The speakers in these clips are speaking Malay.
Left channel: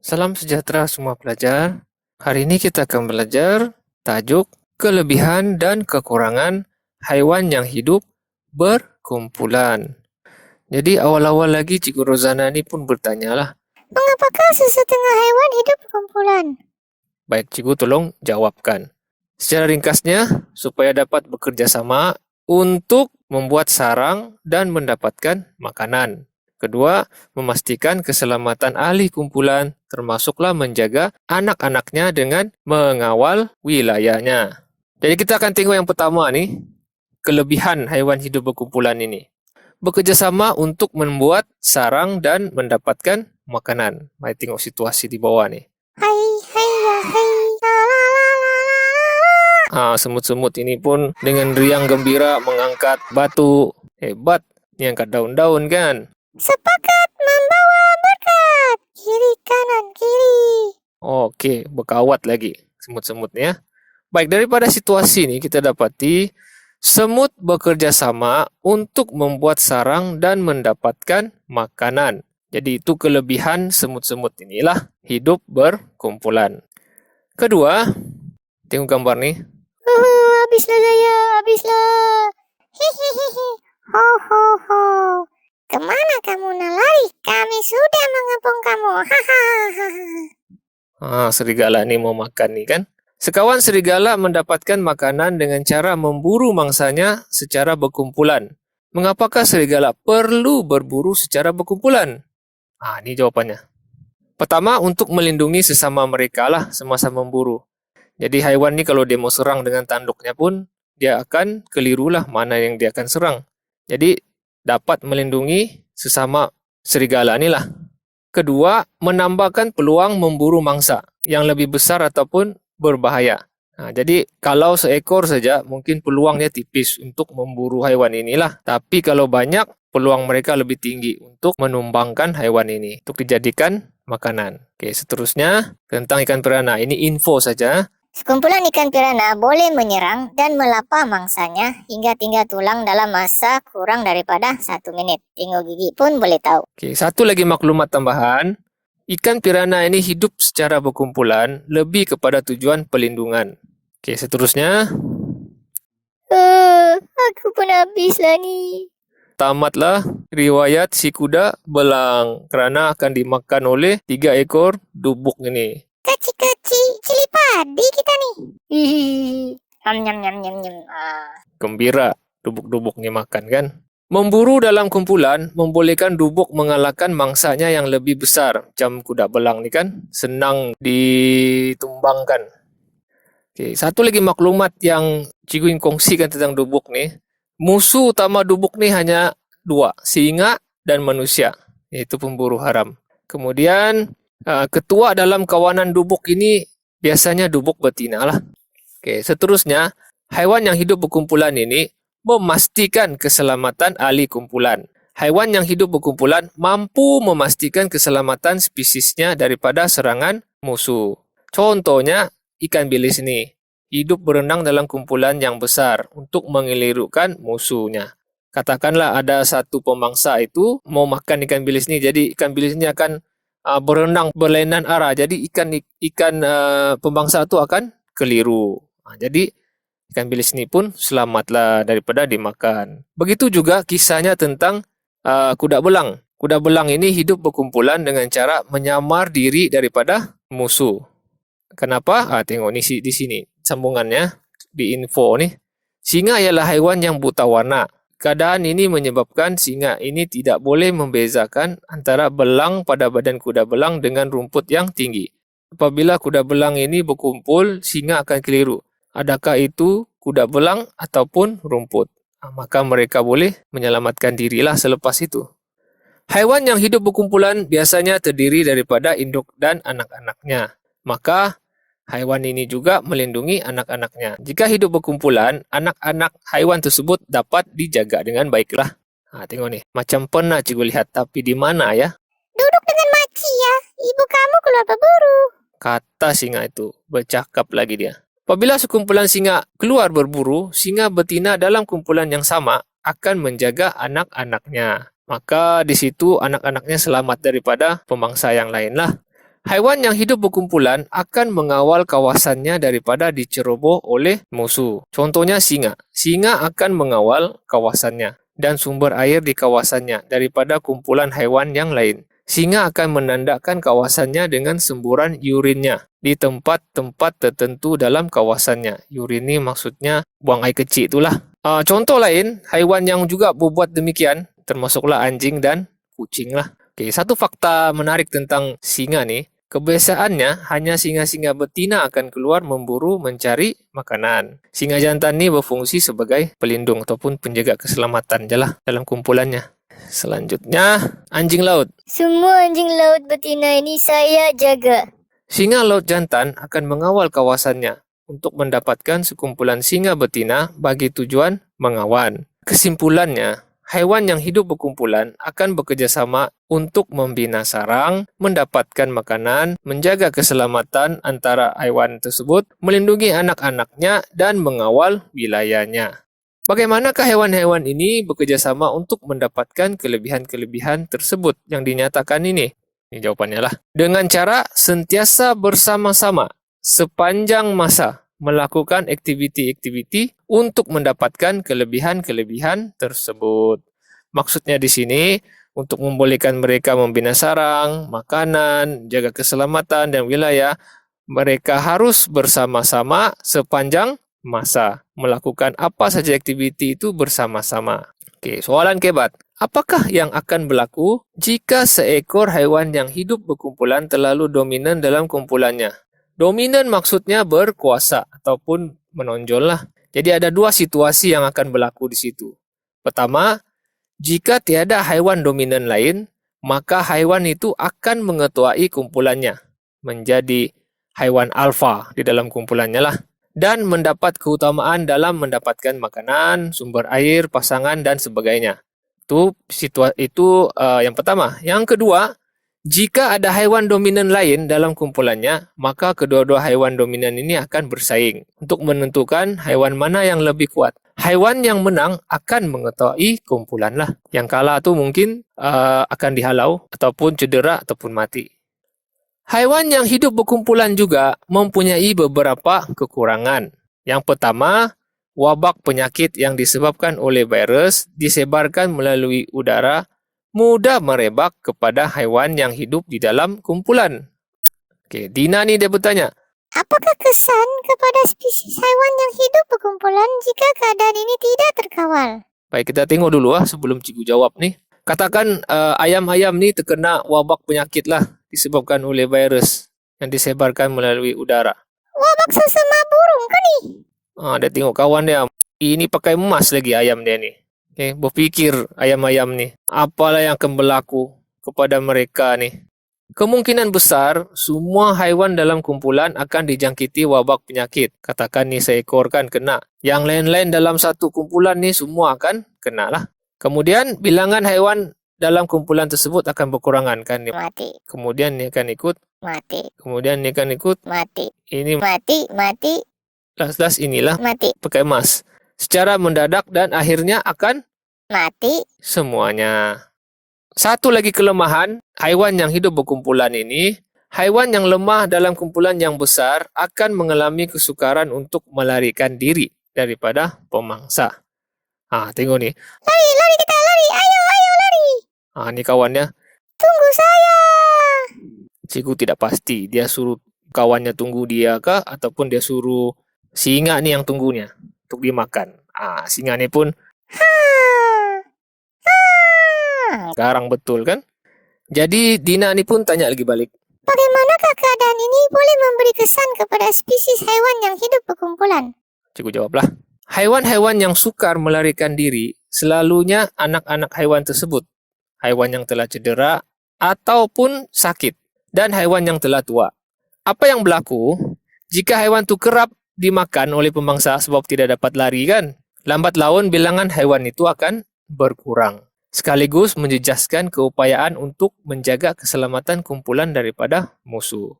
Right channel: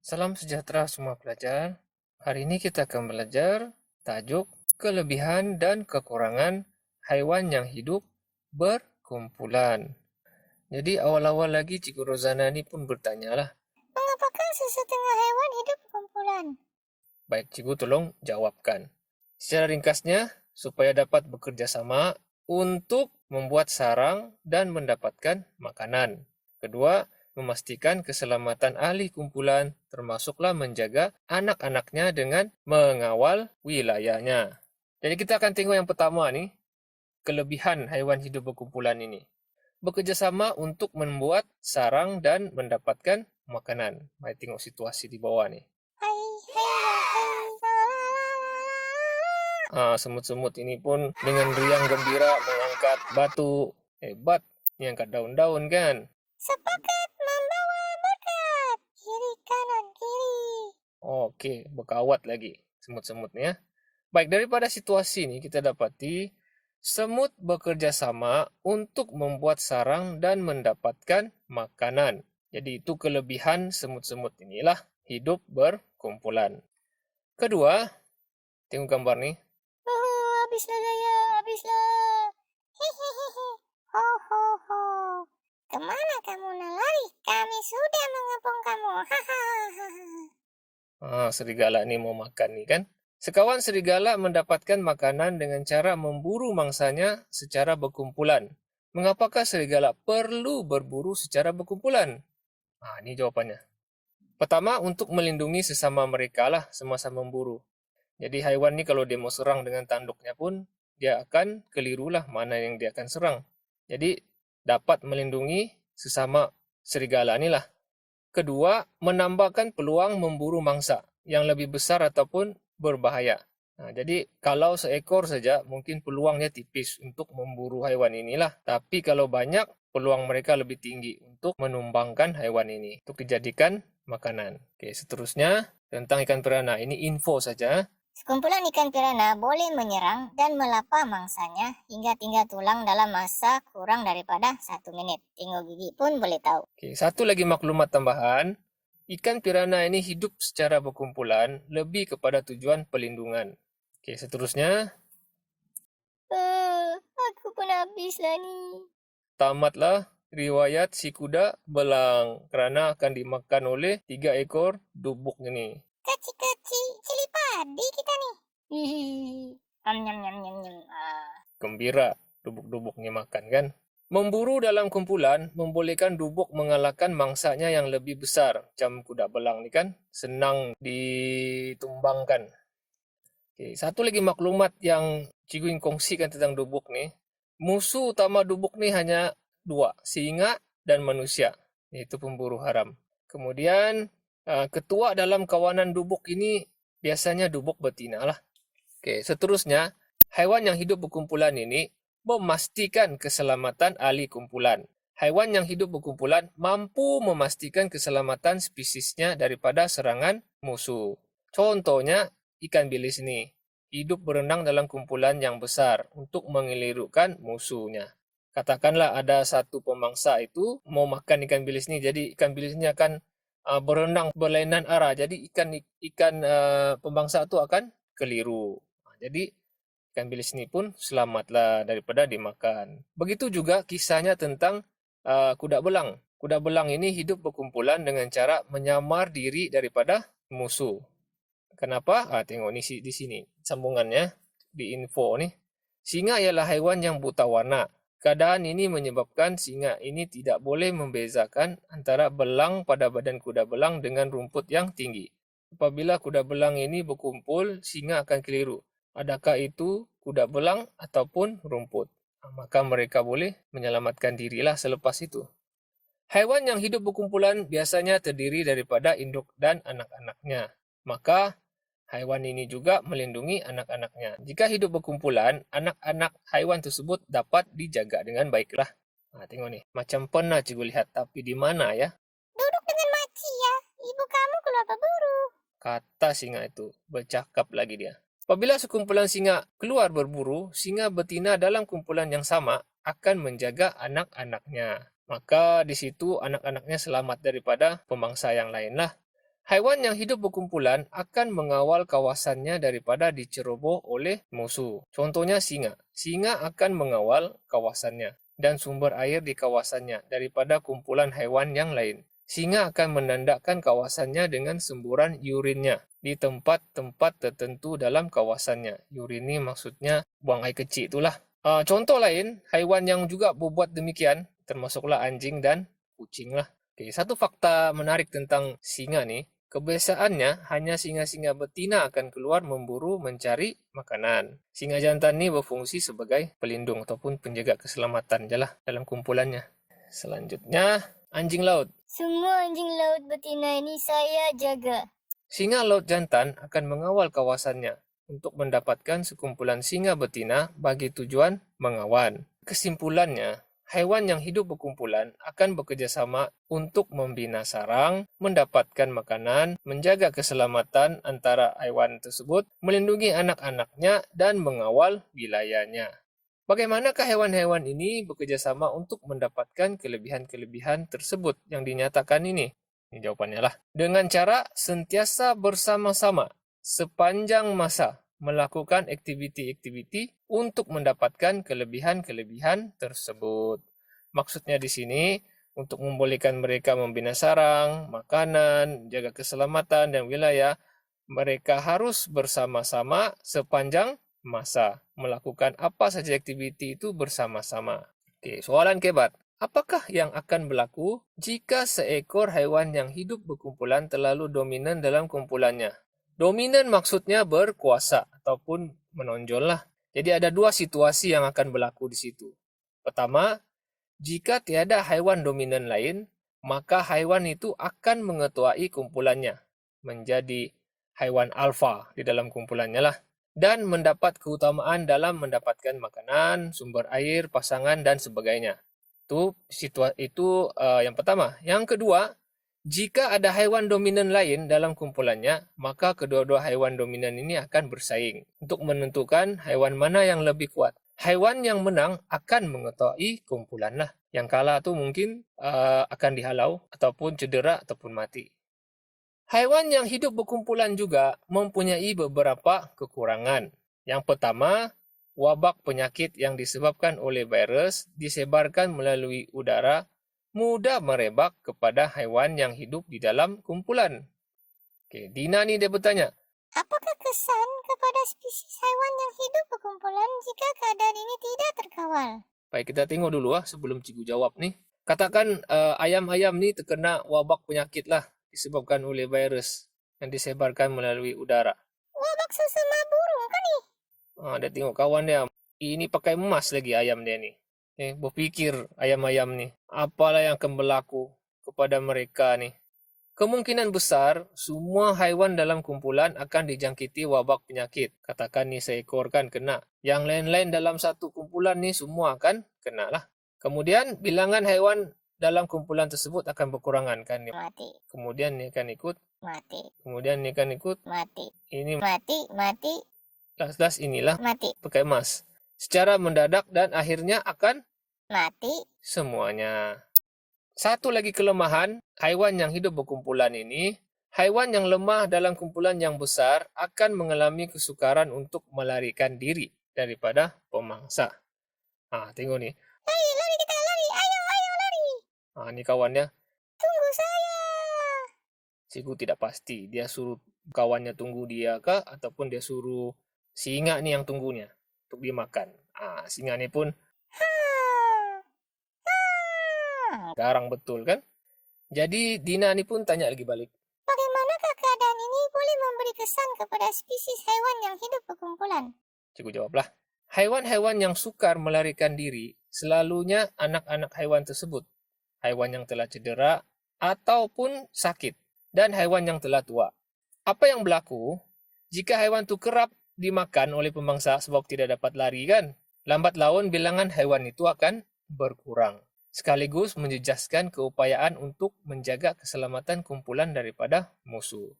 Salam sejahtera semua pelajar. Hari ini kita akan belajar tajuk kelebihan dan kekurangan haiwan yang hidup berkumpulan. Jadi awal-awal lagi Cikgu Rozana ni pun bertanyalah. Mengapakah sesetengah haiwan hidup berkumpulan? Baik, Cikgu tolong jawabkan. Secara ringkasnya, supaya dapat bekerja sama untuk membuat sarang dan mendapatkan makanan. Kedua, memastikan keselamatan ahli kumpulan, termasuklah menjaga anak-anaknya dengan mengawal wilayahnya. Jadi kita akan tengok yang pertama nih, kelebihan haiwan hidup berkumpulan ini. Bekerja sama untuk membuat sarang dan mendapatkan makanan. Mari tengok situasi di bawah nih. Hai, hai, ya, hai, la, la, la, la, la. Semut-semut ini pun dengan riang gembira mengangkat batu. Hebat, ini angkat daun-daun kan? Sepakat membawa berkat. Kiri, kanan, kiri. Okey, berkawat lagi semut-semutnya. Baik, daripada situasi ini kita dapati semut bekerja sama untuk membuat sarang dan mendapatkan makanan. Jadi itu kelebihan semut-semut inilah hidup berkumpulan. Kedua, tengok gambar nih. Habislah saya, habislah. Hihihihi, ho, ho, ho. Kemana kamu nak lari? Kami sudah mengepung kamu. Hahaha. Serigala ni mau makan ni kan. Sekawan serigala mendapatkan makanan dengan cara memburu mangsanya secara berkumpulan. Mengapakah serigala perlu berburu secara berkumpulan? Ini jawapannya. Pertama, untuk melindungi sesama mereka lah semasa memburu. Jadi haiwan ni kalau dia mau serang dengan tanduknya pun, dia akan kelirulah mana yang dia akan serang. Jadi dapat melindungi sesama serigala ni lah. Kedua, menambahkan peluang memburu mangsa yang lebih besar ataupun berbahaya. Jadi kalau seekor saja mungkin peluangnya tipis untuk memburu haiwan inilah. Tapi kalau banyak, peluang mereka lebih tinggi untuk menumbangkan haiwan ini untuk dijadikan makanan. Oke, seterusnya tentang ikan piranha. Ini info saja. Sekumpulan ikan piranha boleh menyerang dan melapa mangsanya hingga tinggal tulang dalam masa kurang daripada 1 menit. Tengok gigi pun boleh tahu. Oke, satu lagi maklumat tambahan. Ikan piranha ini hidup secara berkumpulan lebih kepada tujuan pelindungan. Oke, seterusnya. Aku pun habislah ni. Tamatlah riwayat si kuda belang kerana akan dimakan oleh 3 ekor dubuk ini. Kecil-kecil cili padi kita ni. Nyam nyam nyam nyam. Gembira dubuk-dubuk ni makan kan. Memburu dalam kumpulan membolehkan dubuk mengalahkan mangsanya yang lebih besar. Macam kuda belang ni kan, senang ditumbangkan. Okay, satu lagi maklumat yang cikgu ingin kongsikan tentang dubuk ni. Musuh utama dubuk ni hanya 2, singa dan manusia. Iaitu pemburu haram. Kemudian, ketua dalam kawanan dubuk ini biasanya dubuk betina lah. Okay, seterusnya, haiwan yang hidup berkumpulan ini memastikan keselamatan ahli kumpulan. Haiwan yang hidup berkumpulan mampu memastikan keselamatan spesiesnya daripada serangan musuh. Contohnya, ikan bilis ini hidup berenang dalam kumpulan yang besar untuk mengelirukkan musuhnya. Katakanlah ada satu pemangsa itu mau makan ikan bilis ini, jadi ikan bilis ini akan berenang berlainan arah. Jadi ikan pemangsa itu akan keliru. Jadi ikan bilis ini pun selamatlah daripada dimakan. Begitu juga kisahnya tentang kuda belang. Kuda belang ini hidup berkumpulan dengan cara menyamar diri daripada musuh. Kenapa? Tengok ni di sini sambungannya di info ni. Singa ialah haiwan yang buta warna. Keadaan ini menyebabkan singa ini tidak boleh membezakan antara belang pada badan kuda belang dengan rumput yang tinggi. Apabila kuda belang ini berkumpul, singa akan keliru. Adakah itu kuda belang ataupun rumput? Maka mereka boleh menyelamatkan dirilah selepas itu. Haiwan yang hidup berkumpulan biasanya terdiri daripada induk dan anak-anaknya. Maka haiwan ini juga melindungi anak-anaknya. Jika hidup berkumpulan, anak-anak haiwan tersebut dapat dijaga dengan baiklah. Tengok ni, macam pernah cikgu lihat, tapi di mana ya? Duduk dengan makcik ya. Ibu kamu keluar berburu. Kata singa itu, bercakap lagi dia. Apabila sekumpulan singa keluar berburu, singa betina dalam kumpulan yang sama akan menjaga anak-anaknya. Maka di situ anak-anaknya selamat daripada pemangsa yang lainlah. Haiwan yang hidup berkumpulan akan mengawal kawasannya daripada diceroboh oleh musuh. Contohnya singa. Singa akan mengawal kawasannya dan sumber air di kawasannya daripada kumpulan haiwan yang lain. Singa akan menandakan kawasannya dengan semburan urinnya di tempat-tempat tertentu dalam kawasannya. Urin ini maksudnya buang air kecil itulah. Contoh lain, haiwan yang juga berbuat demikian termasuklah anjing dan kucing lah. Oke, satu fakta menarik tentang singa nih, kebiasaannya hanya singa-singa betina akan keluar memburu mencari makanan. Singa jantan ini berfungsi sebagai pelindung ataupun penjaga keselamatan je lah dalam kumpulannya. Selanjutnya, anjing laut. Semua anjing laut betina ini saya jaga. Singa laut jantan akan mengawal kawasannya untuk mendapatkan sekumpulan singa betina bagi tujuan mengawan. Kesimpulannya, haiwan yang hidup berkumpulan akan bekerjasama untuk membina sarang, mendapatkan makanan, menjaga keselamatan antara haiwan tersebut, melindungi anak-anaknya, dan mengawal wilayahnya. Bagaimanakah hewan-hewan ini bekerjasama untuk mendapatkan kelebihan-kelebihan tersebut yang dinyatakan ini? Ini jawabannya lah. Dengan cara sentiasa bersama-sama sepanjang masa melakukan aktiviti-aktiviti untuk mendapatkan kelebihan-kelebihan tersebut. Maksudnya di sini untuk membolehkan mereka membina sarang, makanan, jaga keselamatan dan wilayah, mereka harus bersama-sama sepanjang masa melakukan apa saja aktiviti itu bersama-sama. Oke, soalan kebat. Apakah yang akan berlaku jika seekor haiwan yang hidup berkumpulan terlalu dominan dalam kumpulannya? Dominan maksudnya berkuasa ataupun menonjol lah. Jadi ada dua situasi yang akan berlaku di situ. Pertama, jika tiada haiwan dominan lain, maka haiwan itu akan mengetuai kumpulannya, menjadi haiwan alfa di dalam kumpulannya lah, dan mendapat keutamaan dalam mendapatkan makanan, sumber air, pasangan, dan sebagainya. Itu yang pertama. Yang kedua, jika ada haiwan dominan lain dalam kumpulannya, maka kedua-dua haiwan dominan ini akan bersaing untuk menentukan haiwan mana yang lebih kuat. Haiwan yang menang akan mengetahui kumpulan lah. Yang kalah tu mungkin akan dihalau ataupun cedera ataupun mati. Haiwan yang hidup berkumpulan juga mempunyai beberapa kekurangan. Yang pertama, wabak penyakit yang disebabkan oleh virus disebarkan melalui udara mudah merebak kepada haiwan yang hidup di dalam kumpulan. Oke, Dina ni dia bertanya, Apakah kesan kepada spesies haiwan yang hidup berkumpulan jika keadaan ini tidak terkawal? baik kita tengok dulu sebelum cikgu jawab ni. Katakan ayam-ayam ni terkena wabak penyakit lah disebabkan oleh virus yang disebarkan melalui udara. Wabak sesama burung kan ni? Dia tengok kawan dia, ini pakai emas lagi ayam dia ni. Okay, berfikir ayam-ayam ni, apalah yang akan berlaku kepada mereka ni. Kemungkinan besar, semua haiwan dalam kumpulan akan dijangkiti wabak penyakit. Katakan ni seekor kan kena. Yang lain-lain dalam satu kumpulan ni semua akan kena lah. Kemudian, bilangan haiwan dalam kumpulan tersebut akan berkurangan kan. Mati, Kemudian ni akan ikut. mati, Kemudian ni akan ikut. mati, Ini mati, last inilah mati, pakai emas. Secara mendadak dan akhirnya akan mati. semuanya. Satu lagi kelemahan, haiwan yang hidup berkumpulan ini, haiwan yang lemah dalam kumpulan yang besar akan mengalami kesukaran untuk melarikan diri daripada pemangsa. Tengok ni. Lari kita, lari, ayo lari. Ni kawannya. Tunggu saya. Cikgu tidak pasti dia suruh kawannya tunggu dia kah ataupun dia suruh singa ni yang tunggunya untuk dimakan. Singa ni pun garang betul kan? Jadi Dina ni pun tanya lagi balik. Bagaimanakah keadaan ini boleh memberi kesan kepada spesies haiwan yang hidup berkumpulan? Cikgu jawablah. Haiwan-haiwan yang sukar melarikan diri selalunya anak-anak haiwan tersebut. Haiwan yang telah cedera ataupun sakit dan haiwan yang telah tua. Apa yang berlaku jika haiwan itu kerap dimakan oleh pemangsa sebab tidak dapat lari kan? Lambat laun bilangan haiwan itu akan berkurang. Sekaligus menjejaskan keupayaan untuk menjaga keselamatan kumpulan daripada musuh.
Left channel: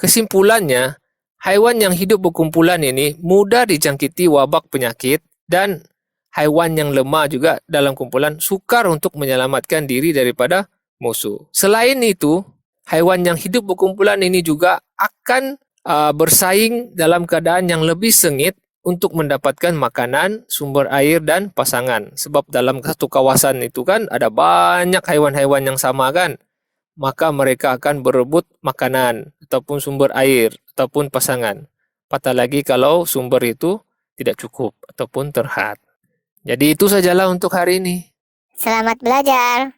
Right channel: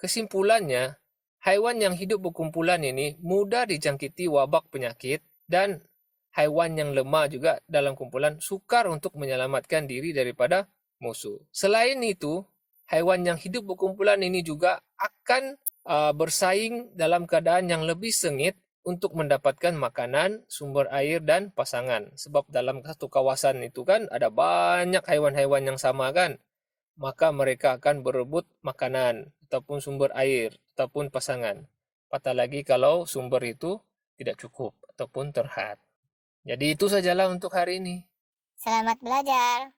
Kesimpulannya, haiwan yang hidup berkumpulan ini mudah dijangkiti wabak penyakit dan haiwan yang lemah juga dalam kumpulan sukar untuk menyelamatkan diri daripada musuh. Selain itu, Haiwan yang hidup berkumpulan ini juga akan bersaing dalam keadaan yang lebih sengit untuk mendapatkan makanan, sumber air, dan pasangan. Sebab dalam satu kawasan itu kan ada banyak haiwan-haiwan yang sama kan. Maka mereka akan berebut makanan, ataupun sumber air, ataupun pasangan. Apatah lagi kalau sumber itu tidak cukup, ataupun terhad. Jadi itu sajalah untuk hari ini. Selamat belajar.